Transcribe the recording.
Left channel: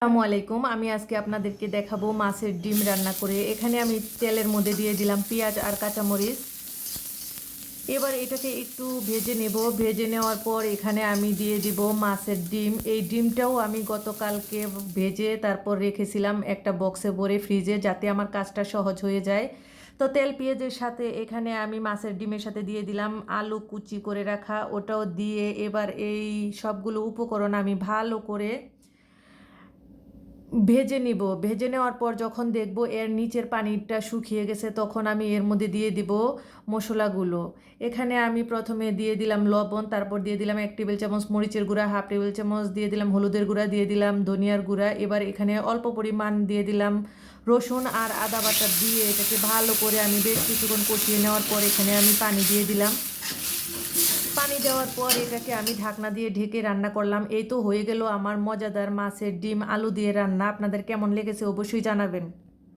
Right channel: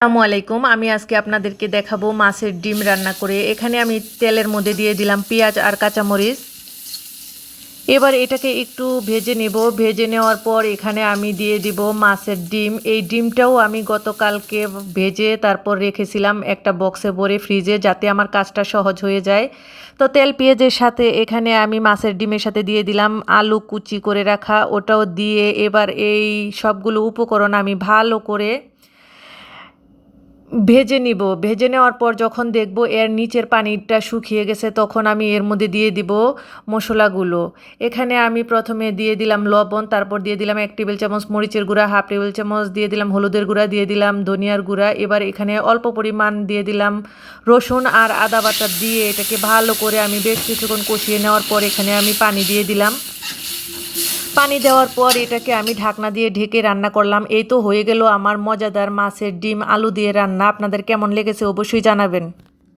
আসসালামু আলাইকুম। আমি আজকে আপনাদেরকে দেখাবো মাছের ডিম রান্না করে। এখানে আমি তেলের মধ্যে দিয়ে দিলাম পেঁয়াজ আর কাঁচামরিচ। এবার এটাকে একটু ভেজে নেব। ভেজে নেওয়ার পর এখানে আমি দিয়ে দিব মাছের ডিম। এই ডিমটাও আমি গতকালকে ভেজে তারপর রেখেছিলাম একটা বক্সে ভরে ফ্রিজে, যাতে আমার কাজটা সহজ হয়ে যায়। তো তেল পেঁয়াজের সাথে এখানে আমি মাছের ডিমের সাথে দিয়ে দিলাম আলু কুচি করে রাখা, ওটাও দিয়ে এবার এই সবগুলো উপকরণ আমি ভালো করে ভেজে নিব। ভেজে নেওয়ার পর যখন দেখব এর নিচের পানিটা শুকিয়ে গেছে, তখন আমি এর মধ্যে দিয়ে দিব মশলাগুলো। এখানে আমি প্রথমে দিয়ে দিলাম লবণ, তারপর দিয়ে দিলাম 1 টেবিল চামচ মরিচের গুঁড়া, হাফ টেবিল চামচ দিয়ে দিলাম হলুদের গুঁড়া, দিয়ে দিলাম ধনিয়ার গুঁড়া। এবার এখানে অল্প পরিমাণ দিয়ে দিলাম রসুন আর আদা বাটা, দিয়ে এটাকে ভালো করে আমি বেশ কিছুক্ষণ কষিয়ে নেওয়ার পর এখানে আমি পানি দিয়ে দিলাম। পানি দেওয়ার পর এটাকে আমি ঢাকনা দিয়ে ঢেকে রান্না করলাম। এই তো হয়ে গেল আমার মজাদার মাছের ডিম আলু দিয়ে রান্না। আপনাদের কেমন লেগেছে অবশ্যই জানাবেন।